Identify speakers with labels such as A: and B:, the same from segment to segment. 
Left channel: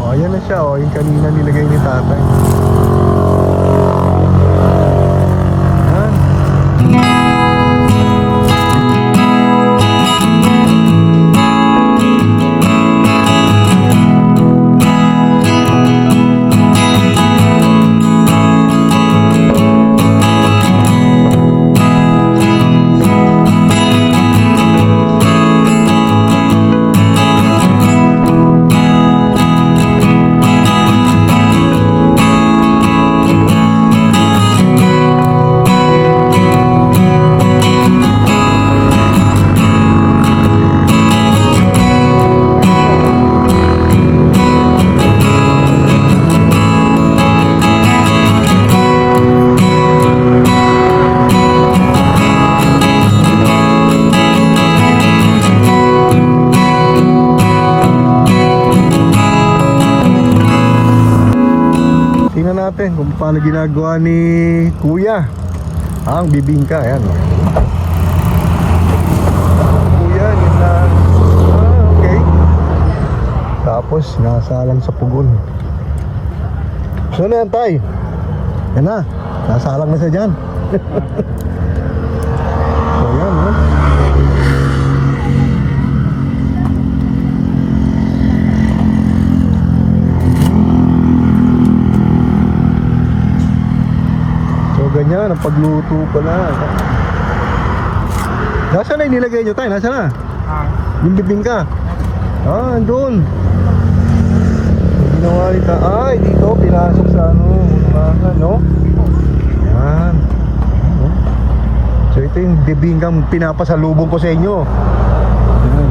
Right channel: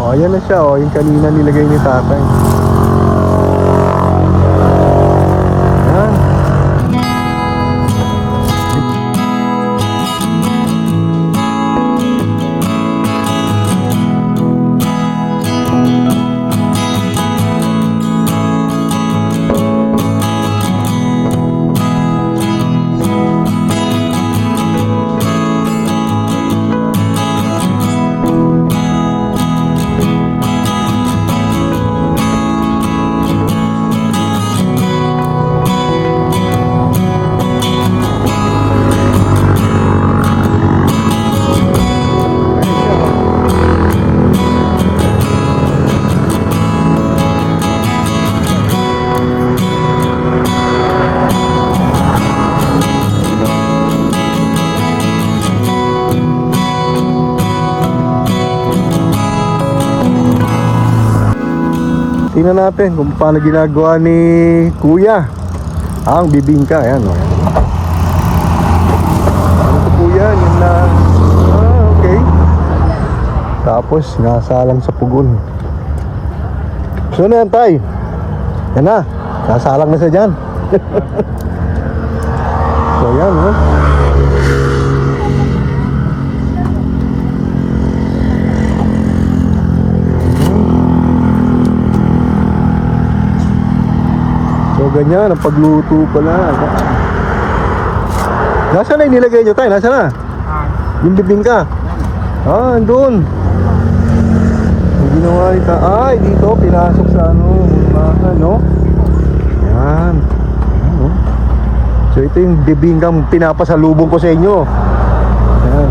A: Oh, ayan na siya. Oh, yung kanina nilagay ni tatay. Tingnan natin kung paano ginagawa ni Kuya ang bibingka. Ayan. oh. Kuya, yun na. Ah, okay. Tapos, nasalang sa pugon. So na yan, tay. Yan na. Nasalang na siya dyan. so, yan, oh. So ganyan, ang pagluto pala. Nasaan na yung nilagay nyo tayo? Nasaan na? Yung bibingka? Ah, andun. Yung ginawa ni ta Ay, dito, pinasok sa ano, ano. Yan. Ano? So ito yung bibingkang pinapasalubong ko sa inyo. Yan.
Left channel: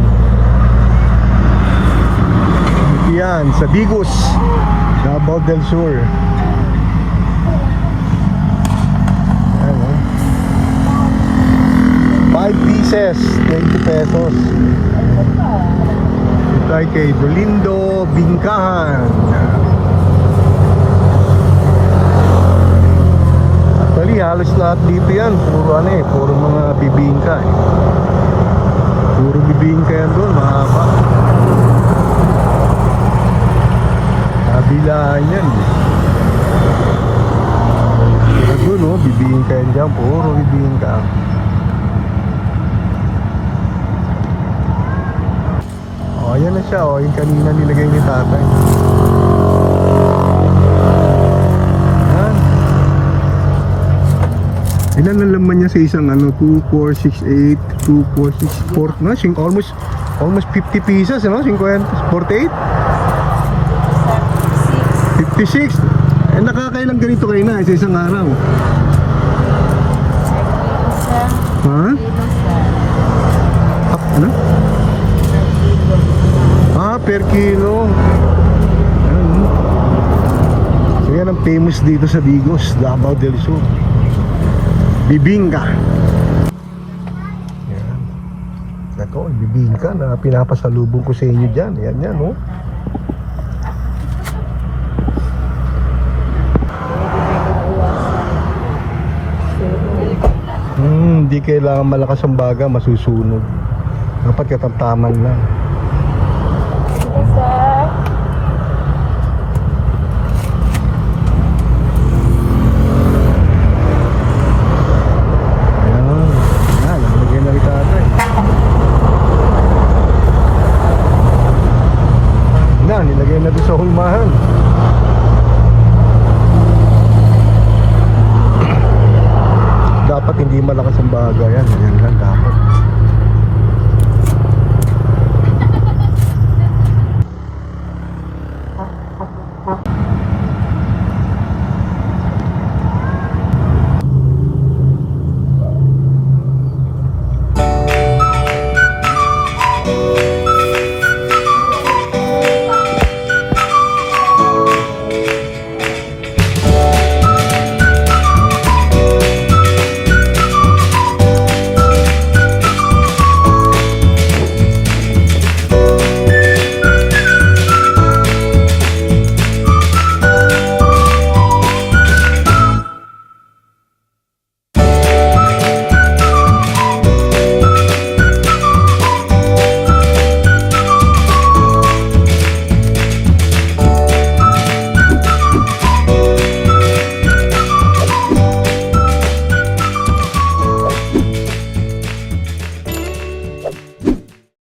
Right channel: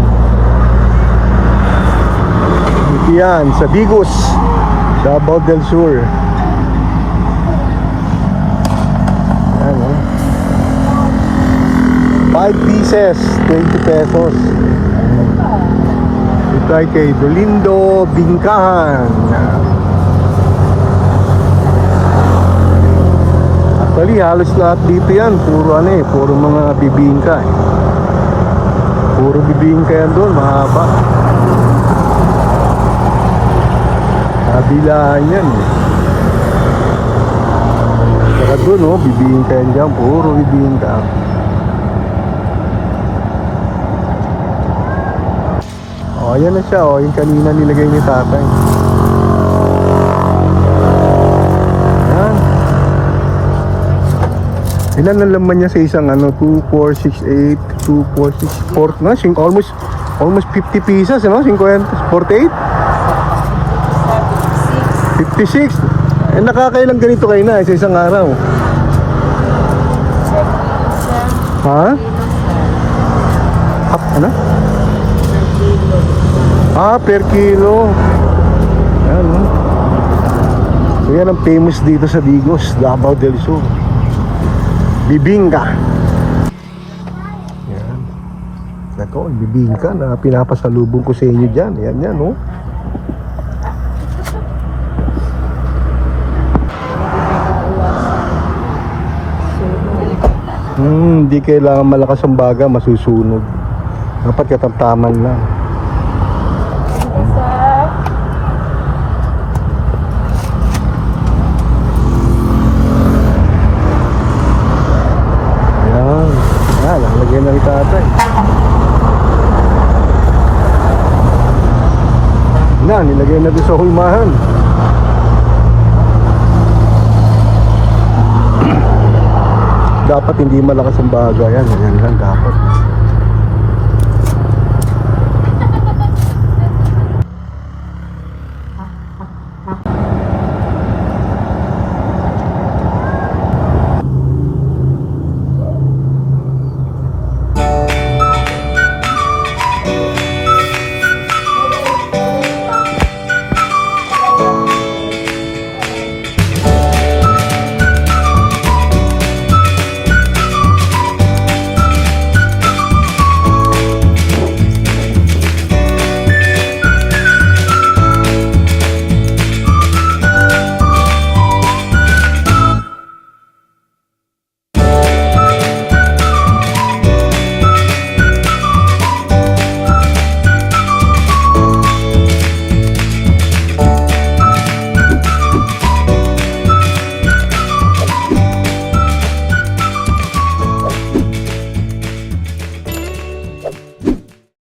A: Yan, sa Bigos. Davao del Sur. Ayan, oh. 5 pieces, 20 pesos. Ito ay kay Dolindo Bingkahan. Actually, halos lahat dito yan. Puro ano eh, puro mga bibingka eh. Puro bibingka yan doon, mahaba. Nabilaan yan eh. Saka doon, oh, bibingka yan dyan. Puro bibingka. Oh, ayan na siya, oh. Yung kanina nilagay ni tatay. Ayan. Ilan ang laman niya sa isang ano? 2, 4, 6, 8, 2, 4, 6, 4, no? Sing- Almost, almost 50 pieces, no? 50, 48? 56. Eh, nakakailang ganito kayo na eh, sa isang araw. Ha? Hap, ano? Ah, per kilo. Yan, no? So, yan ang famous dito sa Digos, Davao del Sur. Bibingka. Yan. Ito, bibingka na pinapasalubong ko sa inyo dyan. Yan, yan, no? Hindi kailangan malakas ang baga, masusunog. Dapat katamtaman lang. Ayan. Ayan, na ni tatay. Na, na sa hulmahan. Dapat hindi malakas ang baga yan. Yan lang dapat.